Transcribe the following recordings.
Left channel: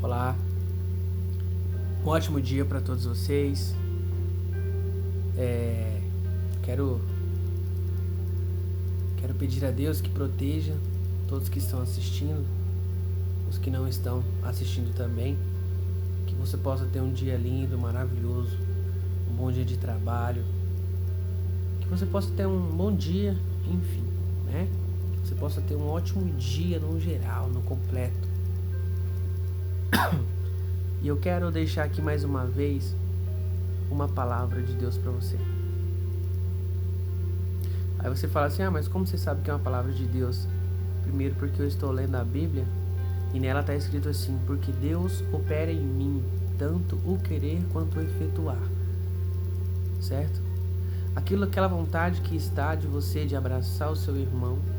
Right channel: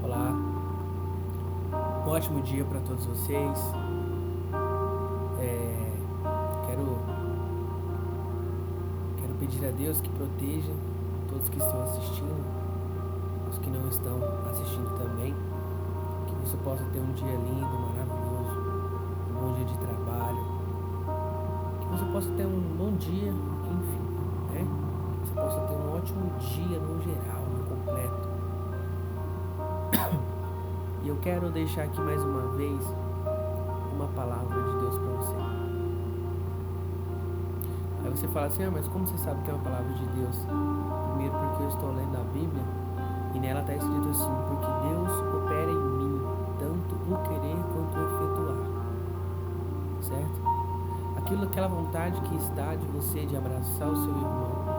Olá, um ótimo dia para todos vocês. Quero pedir a Deus que proteja todos que estão assistindo, os que não estão assistindo também, que você possa ter um dia lindo, maravilhoso, um bom dia de trabalho, que você possa ter um bom dia, enfim, né? Que você possa ter um ótimo dia no geral, no completo. E eu quero deixar aqui mais uma vez uma palavra de Deus para você. Aí você fala assim, mas como você sabe que é uma palavra de Deus? Primeiro porque eu estou lendo a Bíblia e nela está escrito assim, porque Deus opera em mim, tanto o querer quanto o efetuar. Certo? Aquela vontade que está de você de abraçar o seu irmão,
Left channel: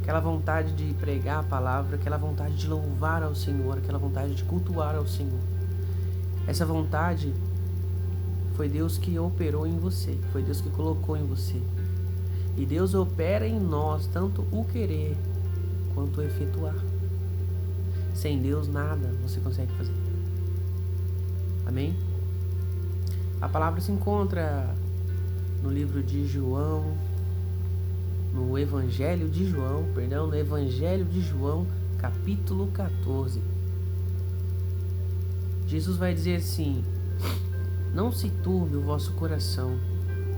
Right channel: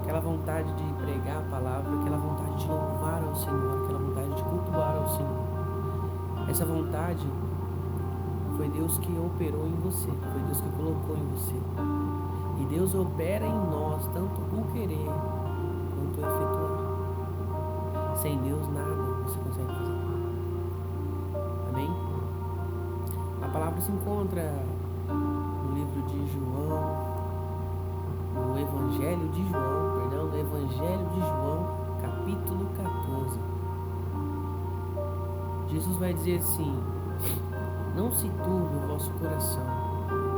aquela vontade de pregar a palavra, aquela vontade de louvar ao Senhor, aquela vontade de cultuar ao Senhor. Essa vontade foi Deus que operou em você, foi Deus que colocou em você. E Deus opera em nós tanto o querer quanto o efetuar. Sem Deus nada você consegue fazer. Amém? A palavra se encontra no livro de João, no Evangelho de João, capítulo 14. Jesus vai dizer assim: não se turbe o vosso coração,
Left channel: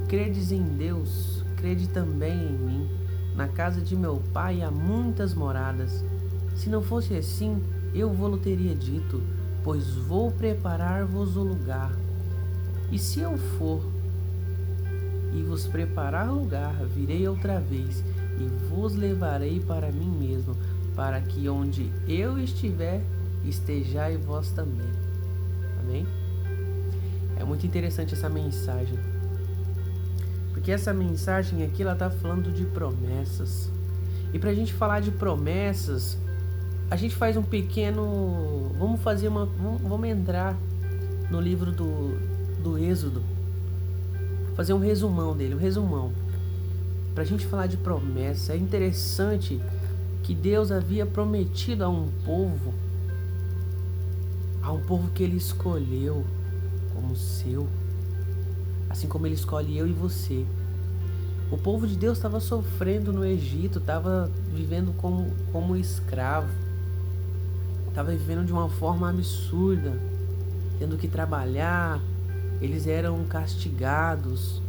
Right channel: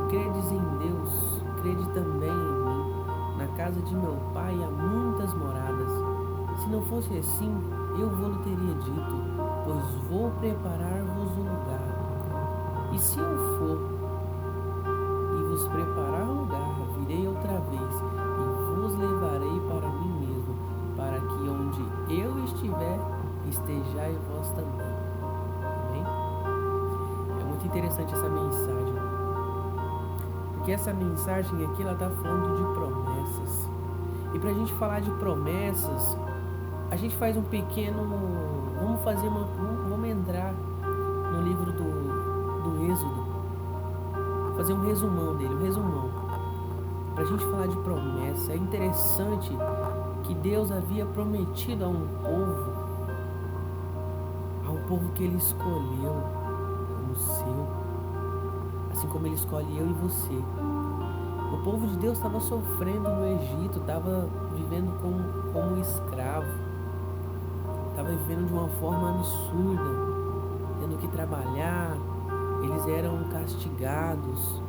credes em Deus, crede também em mim. Na casa de meu pai há muitas moradas. Se não fosse assim, eu vou-lhe teria dito, pois vou preparar-vos o lugar. E se eu for e vos preparar lugar, virei outra vez e vos levarei para mim mesmo, para que onde eu estiver, estejai vós também. Amém? É muito interessante essa mensagem, porque essa mensagem aqui, ela está falando de promessas. E para a gente falar de promessas, a gente faz um pequeno... Vamos entrar no livro do Êxodo, fazer um resumão dele, para a gente falar de promessa. É interessante que Deus havia prometido a um povo que Ele escolheu como seu, assim como Ele escolhe eu e você. O povo de Deus estava sofrendo no Egito, estava vivendo como escravo, estava vivendo de uma forma absurda, tendo que trabalhar, eles eram castigados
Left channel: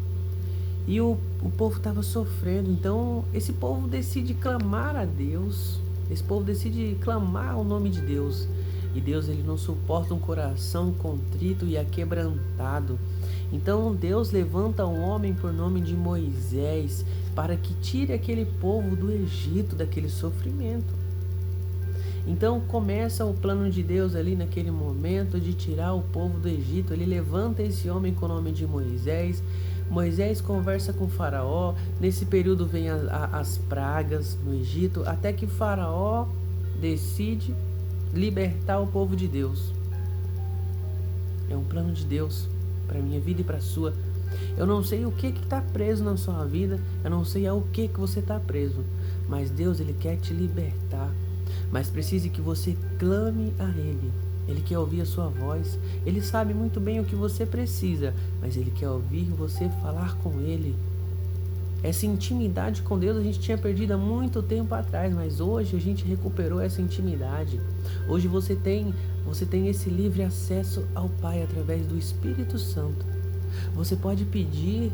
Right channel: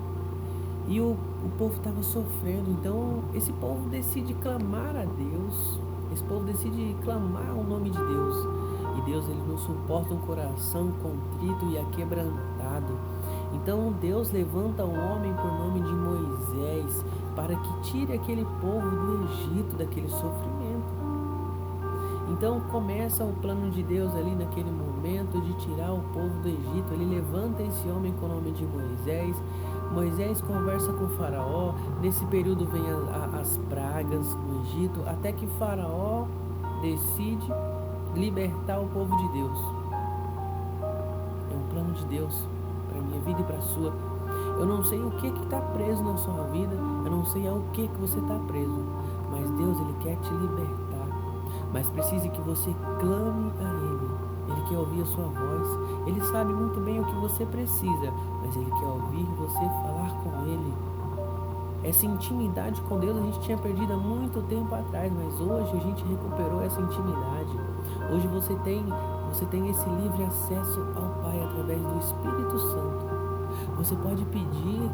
e o povo estava sofrendo. Então esse povo decide clamar a Deus, esse povo decide clamar o nome de Deus. E Deus, Ele não suporta um coração contrito e aquebrantado. Então Deus levanta um homem por nome de Moisés para que tire aquele povo do Egito, daquele sofrimento. Então começa o plano de Deus ali naquele momento de tirar o povo do Egito. Ele levanta esse homem com o nome de Moisés. Moisés conversa com Faraó. Nesse período vem as pragas no Egito, até que Faraó decide libertar o povo de Deus. É um plano de Deus para a minha vida e para a sua. Eu não sei o que está preso na sua vida, eu não sei ao que você está preso, mas Deus, Ele quer te libertar. Mas precisa que você clame a Ele. Ele quer ouvir a sua voz. Ele sabe muito bem o que você precisa, mas Ele quer ouvir você falar com Ele. Essa intimidade com Deus a gente tinha perdido há muito tempo atrás, mas hoje a gente recuperou essa intimidade. Hoje você tem esse livre acesso ao Pai através do Espírito Santo. Você pode pedir,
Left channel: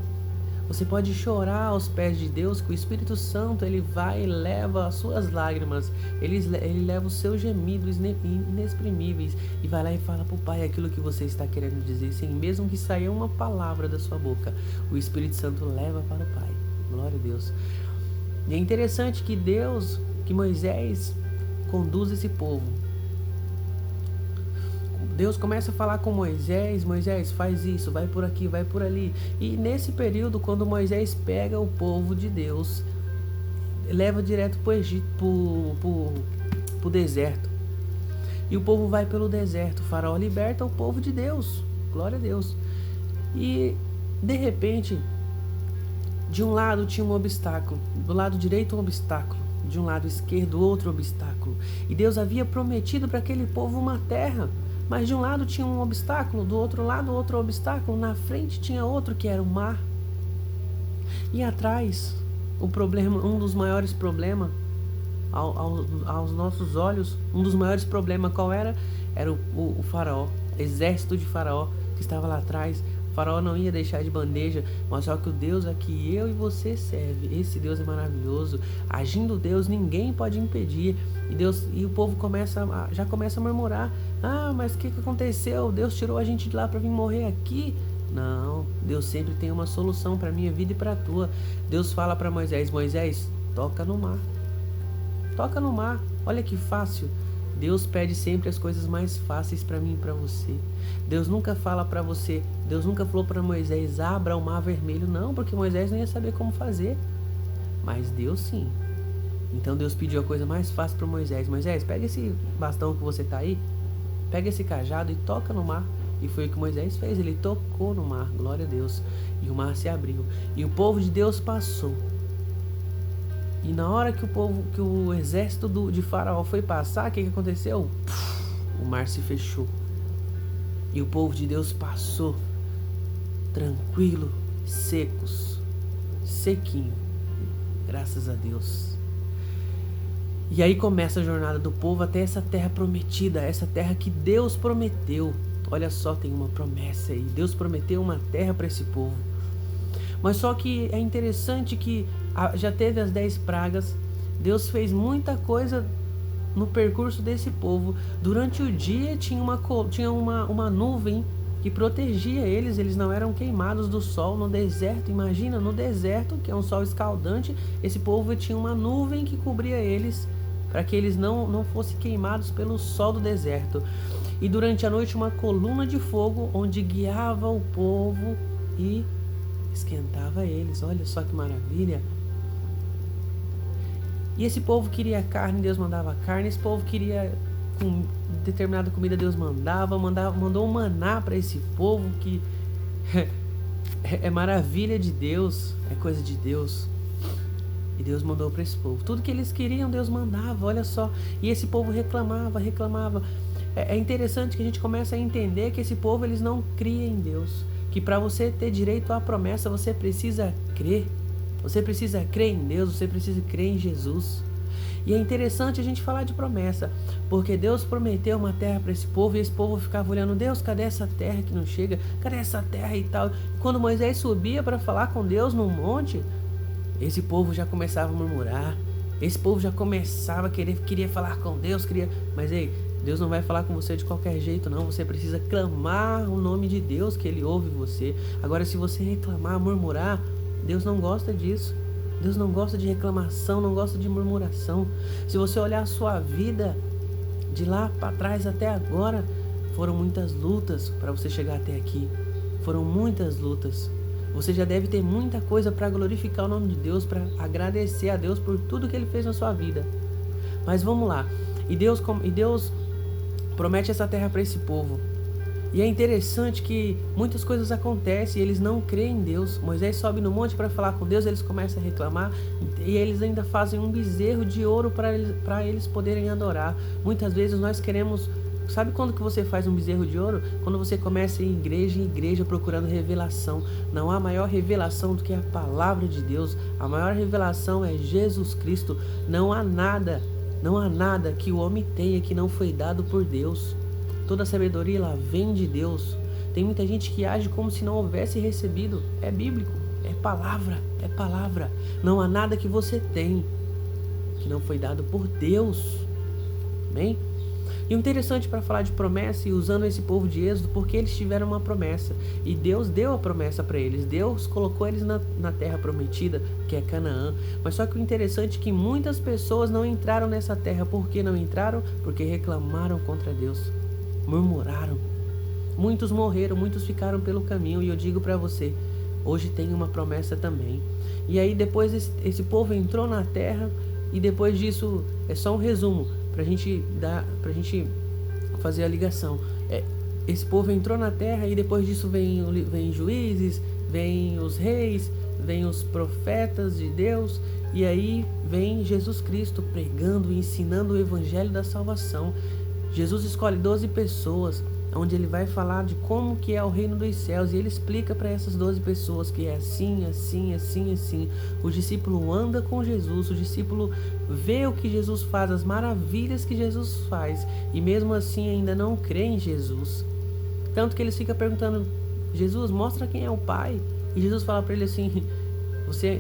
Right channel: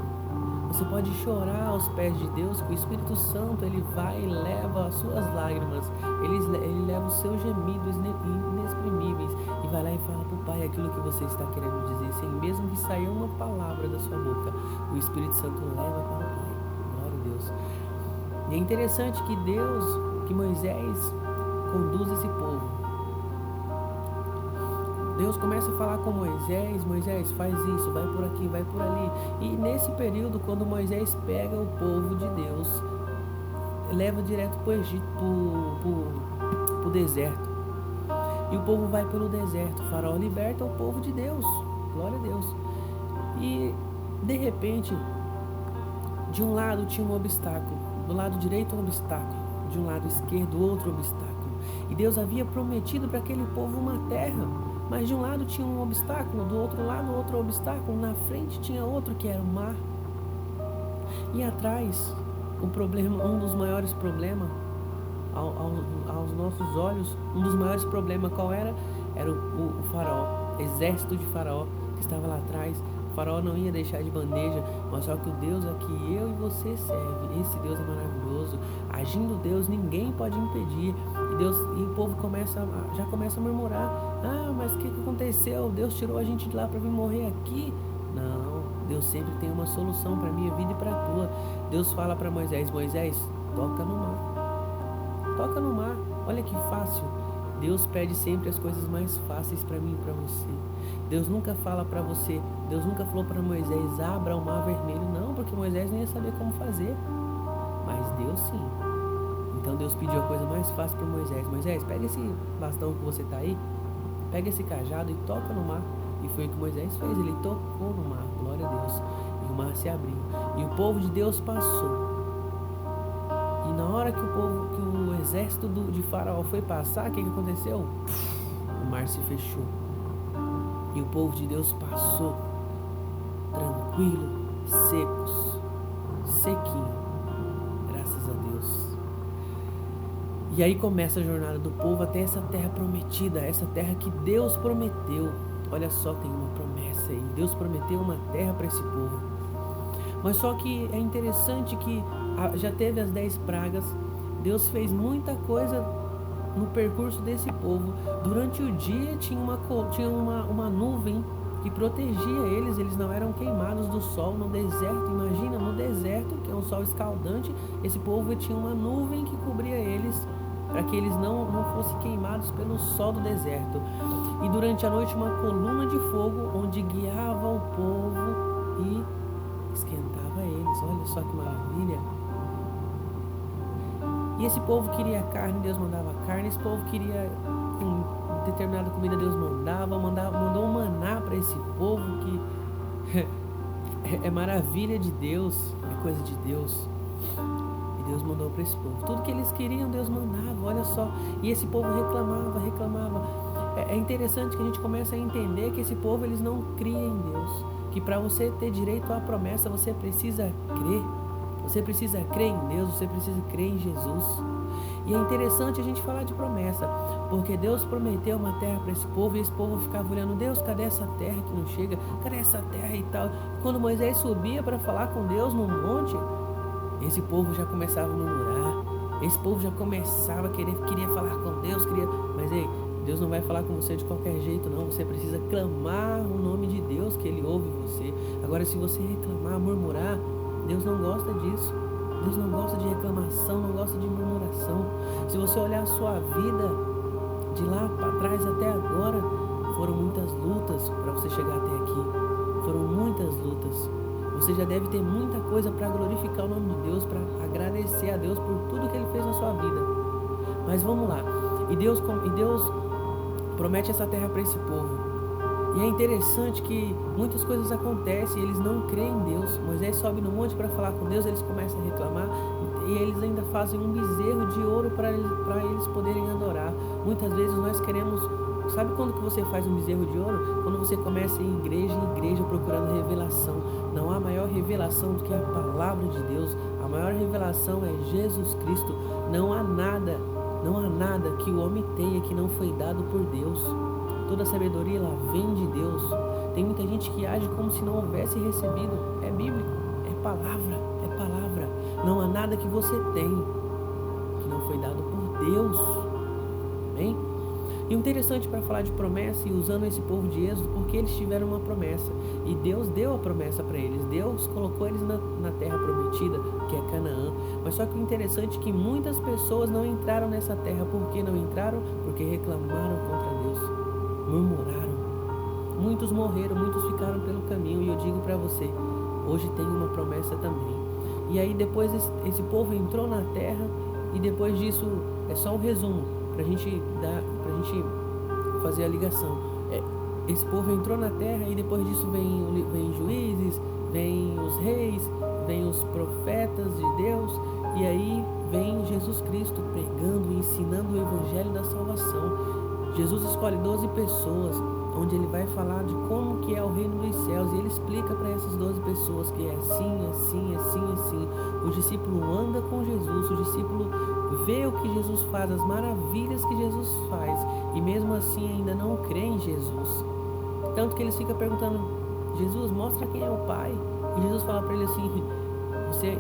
você pode chorar aos pés de Deus, que o Espírito Santo, ele vai e leva as suas lágrimas, ele leva os seus gemidos inexprimíveis e vai lá e fala para o Pai aquilo que você está querendo dizer, sem mesmo que saia uma palavra da sua boca. O Espírito Santo leva para o Pai. Glória a Deus. E é interessante que Moisés conduz esse povo. Deus começa a falar com Moisés: Moisés, faz isso, vai por aqui, vai por ali. E nesse período, quando Moisés pega o povo de Deus, leva direto para o Egito, para o deserto. E o povo vai pelo deserto. O Faraó liberta o povo de Deus. Glória a Deus. E de repente, de um lado tinha um obstáculo, do lado direito um obstáculo, de um lado esquerdo outro obstáculo. E Deus havia prometido para aquele povo uma terra, mas de um lado tinha um obstáculo, do outro lado outro obstáculo, na frente tinha outro que era o mar. E atrás, o problema, um dos maiores problemas, aos nossos olhos, um dos maiores problemas qual era? Era o faraó, exército de faraó que estava lá atrás. O faraó não ia deixar de bandeja, mas só que o Deus a que eu e você serve, esse Deus é maravilhoso. Agindo Deus, ninguém pode impedir. E o povo já começa a murmurar: ah, mas o que aconteceu? Deus tirou a gente de lá para vir morrer aqui? Não, Deus sempre tem uma solução para a minha vida e para a tua. Deus fala para Moisés: Moisés, toca no mar. Toca no mar, olha que fácil. Deus pede sempre as coisas mais fáceis para mim e para você. Deus nunca fala para você, Deus nunca falou para Moisés: abra o mar vermelho. Não, porque Moisés não ia saber como fazer. Mas Deus sim. Então Deus pediu a coisa mais fácil para Moisés: Moisés, pega esse bastão que você tá aí, pega esse cajado e toca no mar. E foi o que Moisés fez, ele tocou no mar, glória a Deus. E o mar se abriu. E o povo de Deus passou. E na hora que o exército de Faraó foi passar, o que aconteceu? O mar se fechou. E o povo de Deus passou tranquilo, secos, sequinho. Graças a Deus. E aí começa a jornada do povo até essa terra prometida, essa terra que Deus prometeu. Olha só, tem uma promessa aí. Deus prometeu uma terra para esse povo. Mas só que é interessante que já teve as 10 pragas. Deus fez muita coisa no percurso desse povo. Durante o dia tinha uma nuvem que protegia eles. Eles não eram queimados do sol no deserto. Imagina, no deserto, que é um sol escaldante, esse povo tinha uma nuvem que cobria eles, para que eles não fossem queimados pelo sol do deserto. E durante a noite uma coluna de fogo, onde guiava o povo e esquentava eles. Olha só que maravilha. E esse povo queria carne, Deus mandava carne. Esse povo queria determinada comida, Deus mandou um maná para esse povo, que é maravilha de Deus, é coisa de Deus. E Deus mandou para esse povo tudo que eles queriam, Deus mandava, olha só. E esse povo reclamava. É interessante que a gente começa a entender que esse povo, eles não criam em Deus. Que para você ter direito à promessa, você precisa crer. Você precisa crer em Deus, você precisa crer em Jesus. E é interessante a gente falar de promessa, porque Deus prometeu uma terra para esse povo, e esse povo ficava olhando: Deus, cadê essa terra que não chega? Cadê essa terra e tal? Quando Moisés subia para falar com Deus no monte, esse povo já começava a murmurar. Esse povo já começava a queria falar com Deus, mas ei, Deus não vai falar com você de qualquer jeito, não. Você precisa clamar o nome de Deus, que Ele ouve você. Agora, se você reclamar, murmurar, Deus não gosta disso. Deus não gosta de reclamação, não gosta de murmuração. Se você olhar a sua vida de lá para trás até agora, foram muitas lutas para você chegar até aqui. Foram muitas lutas. Você já deve ter muita coisa para glorificar o nome de Deus, para agradecer a Deus por tudo que Ele fez na sua vida. Mas vamos lá. E Deus promete essa terra para esse povo. E é interessante que muitas coisas acontecem e eles não creem em Deus. Moisés sobe no monte para falar com Deus, eles começam a reclamar e eles ainda fazem um bezerro de ouro para eles poderem adorar. Muitas vezes nós queremos... Sabe quando que você faz um bezerro de ouro? Quando você começa a ir em igreja procurando revelação. Não há maior revelação do que a palavra de Deus. A maior revelação é Jesus Cristo. Não há nada que o homem tenha que não foi dado por Deus. Toda a sabedoria ela vem de Deus. Tem muita gente que age como se não houvesse recebido. É bíblico, é palavra. Não há nada que você tem que não foi dado por Deus. Amém? E o interessante para falar de promessa, e usando esse povo de Êxodo, porque eles tiveram uma promessa. E Deus deu a promessa para eles. Deus colocou eles na terra prometida, que é Canaã. Mas só que o interessante é que muitas pessoas não entraram nessa terra. Por que não entraram? Porque reclamaram contra Deus. Murmuraram. Muitos morreram, muitos ficaram pelo caminho. E eu digo para você, hoje tem uma promessa também. E aí depois esse povo entrou na terra. E depois disso, é só um resumo pra gente fazer a ligação. Esse povo entrou na terra e depois disso vem juízes, vem os reis, vem os profetas de Deus, E aí vem Jesus Cristo pregando e ensinando o evangelho da salvação. Jesus escolhe 12 pessoas, onde ele vai falar de como que é o reino dos céus, e ele explica para essas 12 pessoas que é assim, assim, assim, assim. O discípulo anda com Jesus, o discípulo vê o que Jesus faz, as maravilhas que Jesus faz, e mesmo assim ainda não crê em Jesus. Tanto que eles ficam perguntando: Jesus, mostra quem é o Pai. E Jesus fala para ele assim:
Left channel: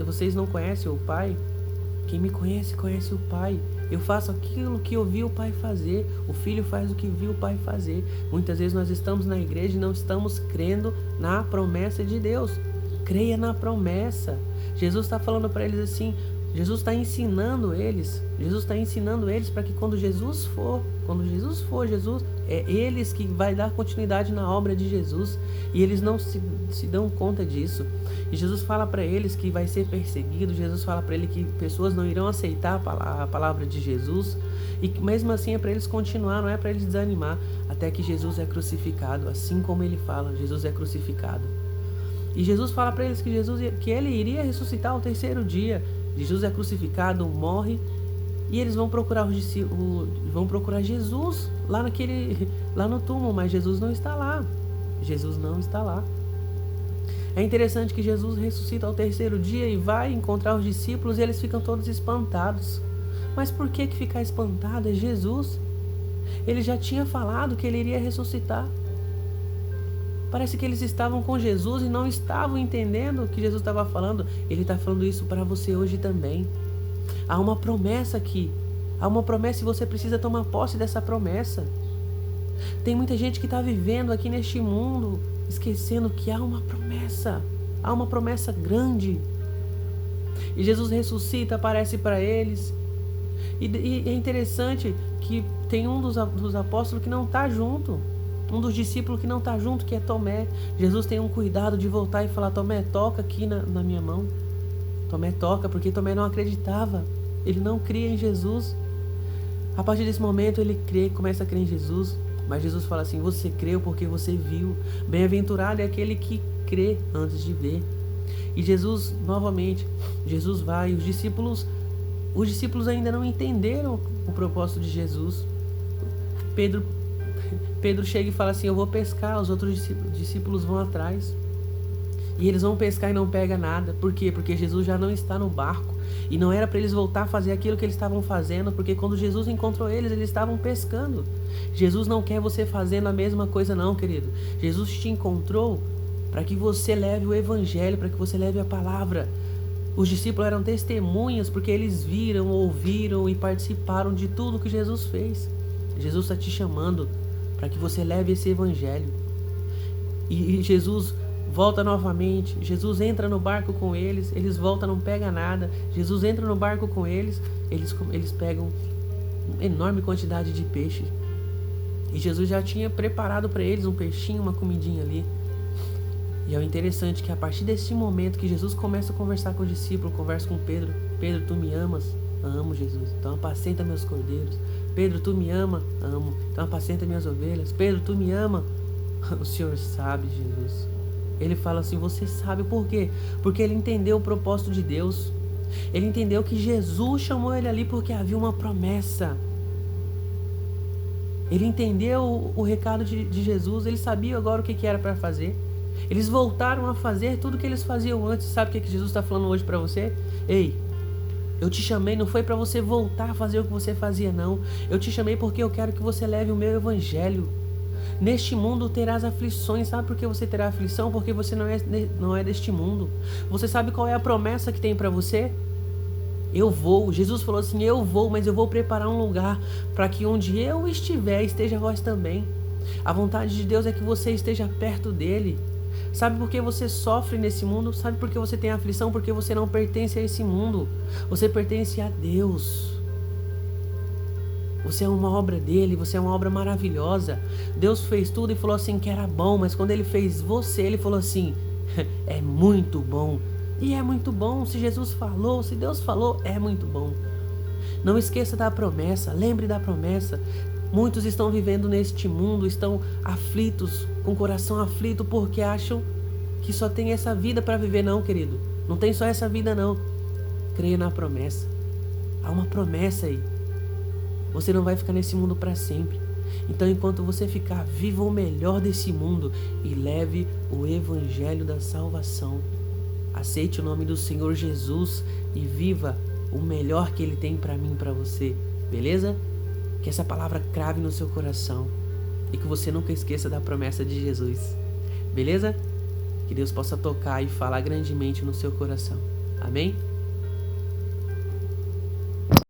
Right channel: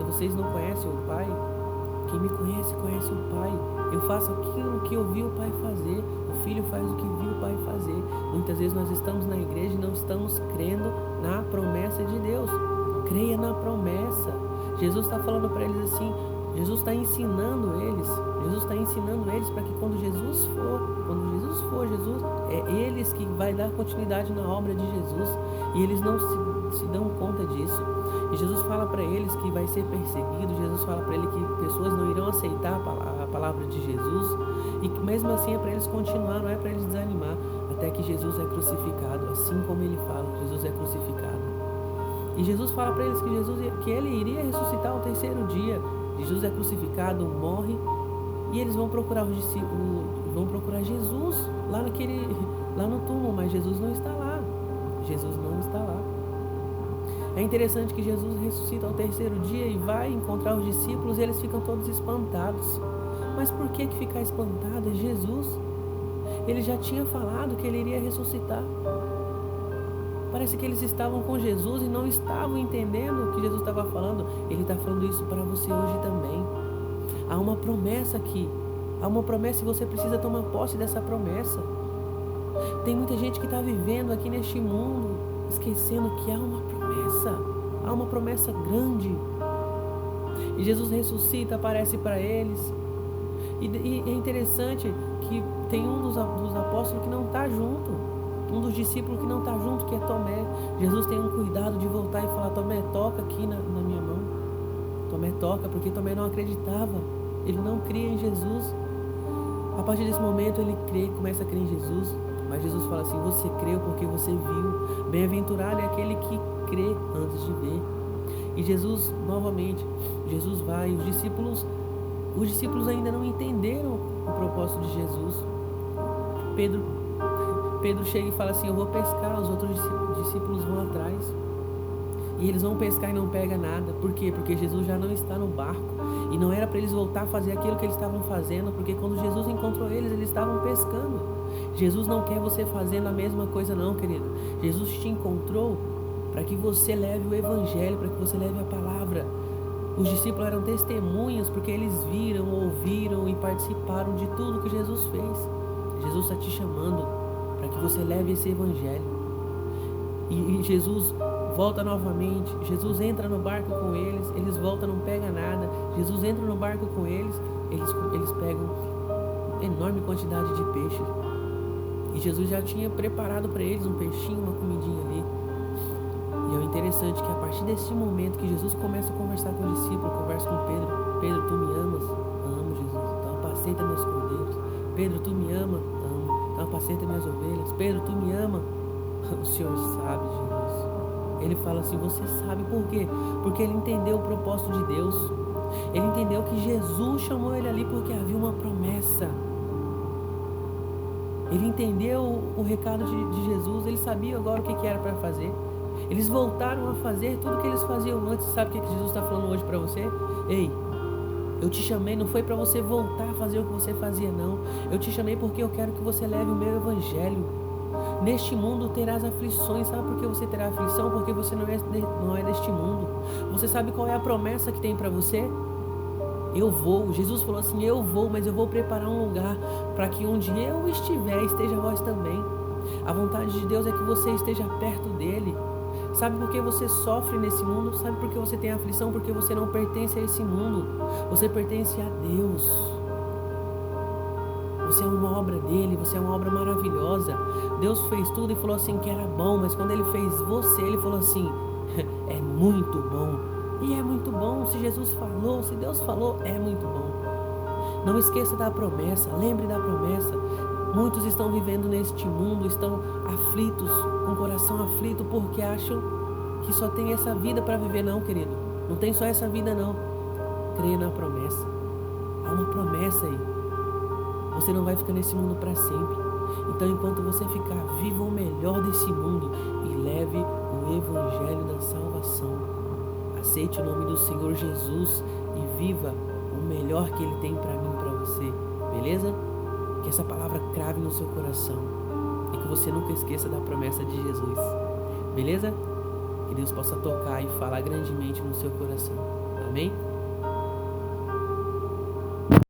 vocês não conhecem o Pai? Quem me conhece, conhece o Pai. Eu faço aquilo que eu vi o Pai fazer. O Filho faz o que viu o Pai fazer. Muitas vezes nós estamos na igreja e não estamos crendo na promessa de Deus. Creia na promessa. Jesus está falando para eles assim, Jesus está ensinando eles para que quando Jesus for, é eles que vai dar continuidade na obra de Jesus, e eles não se dão conta disso. E Jesus fala para eles que vai ser perseguido, Jesus fala para ele que pessoas não irão aceitar a palavra de Jesus, e que mesmo assim é para eles continuar, não é para eles desanimar, até que Jesus é crucificado, assim como ele fala, Jesus é crucificado. E Jesus fala para eles que ele iria ressuscitar ao terceiro dia. Jesus é crucificado, morre, e eles vão procurar vão procurar Jesus lá no túmulo, mas Jesus não está lá. Jesus não está lá. É interessante que Jesus ressuscita ao terceiro dia e vai encontrar os discípulos, e eles ficam todos espantados. Mas por que ficar espantado? É Jesus. Ele já tinha falado que ele iria ressuscitar. Parece que eles estavam com Jesus e não estavam entendendo o que Jesus estava falando. Ele está falando isso para você hoje também. Há uma promessa aqui. Há uma promessa e você precisa tomar posse dessa promessa. Tem muita gente que está vivendo aqui neste mundo esquecendo que há uma promessa. Há uma promessa grande. E Jesus ressuscita, aparece para eles. E é interessante que tem um dos apóstolos que não está junto. Um dos discípulos que não está junto, que é Tomé. Jesus tem um cuidado de voltar e falar: Tomé, toca aqui na minha mão. Tomé toca, porque Tomé não acreditava. Ele não cria em Jesus. A partir desse momento ele crê, começa a crer em Jesus. Mas Jesus fala assim: você creu porque você viu. Bem-aventurado é aquele que crê antes de ver. E Jesus, novamente, Jesus vai. Os discípulos ainda não entenderam o propósito de Jesus. Pedro chega e fala assim: eu vou pescar. Os outros discípulos vão atrás. E eles vão pescar e não pegam nada. Por quê? Porque Jesus já não está no barco. E não era para eles voltar a fazer aquilo que eles estavam fazendo, porque quando Jesus encontrou eles estavam pescando. Jesus não quer você fazendo a mesma coisa não, querido. Jesus te encontrou para que você leve o evangelho, para que você leve a palavra. Os discípulos eram testemunhas porque eles viram, ouviram e participaram de tudo que Jesus fez. Jesus está te chamando para que você leve esse evangelho. E Jesus volta novamente. Jesus entra no barco com eles. Eles voltam, não pega nada. Jesus entra no barco com eles. Eles pegam uma enorme quantidade de peixe. E Jesus já tinha preparado para eles um peixinho, uma comidinha ali. E é interessante que a partir desse momento que Jesus começa a conversar com o discípulo, conversa com Pedro. Pedro, tu me amas? Amo, Jesus. Então apacenta meus cordeiros. Pedro, tu me ama? Amo. Então apacenta minhas ovelhas. Pedro, tu me ama? O Senhor sabe, Jesus. Ele fala assim: você sabe por quê? Porque ele entendeu o propósito de Deus. Ele entendeu que Jesus chamou ele ali porque havia uma promessa. Ele entendeu o recado de Jesus. Ele sabia agora o que era para fazer. Eles voltaram a fazer tudo o que eles faziam antes. Sabe o que Jesus está falando hoje para você? Ei, eu te chamei, não foi para você voltar a fazer o que você fazia, não. Eu te chamei porque eu quero que você leve o meu evangelho. Neste mundo terás aflições. Sabe por que você terá aflição? Porque você não é deste mundo. Você sabe qual é a promessa que tem para você? Eu vou. Jesus falou assim: eu vou, mas eu vou preparar um lugar para que onde eu estiver, esteja vós também. A vontade de Deus é que você esteja perto dele. Sabe por que você sofre nesse mundo? Sabe por que você tem aflição? Porque você não pertence a esse mundo. Você pertence a Deus. Você é uma obra dele, você é uma obra maravilhosa. Deus fez tudo e falou assim que era bom, mas quando ele fez você, ele falou assim: é muito bom. E é muito bom. Se Jesus falou, se Deus falou, é muito bom. Não esqueça da promessa, lembre da promessa. Muitos estão vivendo neste mundo, estão aflitos, com o coração aflito, porque acham que só tem essa vida para viver. Não, querido, não tem só essa vida não. creia na promessa. Há uma promessa aí. Você não vai ficar nesse mundo para sempre. Então, enquanto você ficar, viva o melhor desse mundo e leve o evangelho da salvação. Aceite o nome do Senhor Jesus e viva o melhor que Ele tem para mim e para você. Beleza? Que essa palavra crave no seu coração e que você nunca esqueça da promessa de Jesus. Beleza? Que Deus possa tocar e falar grandemente no seu coração. Amém?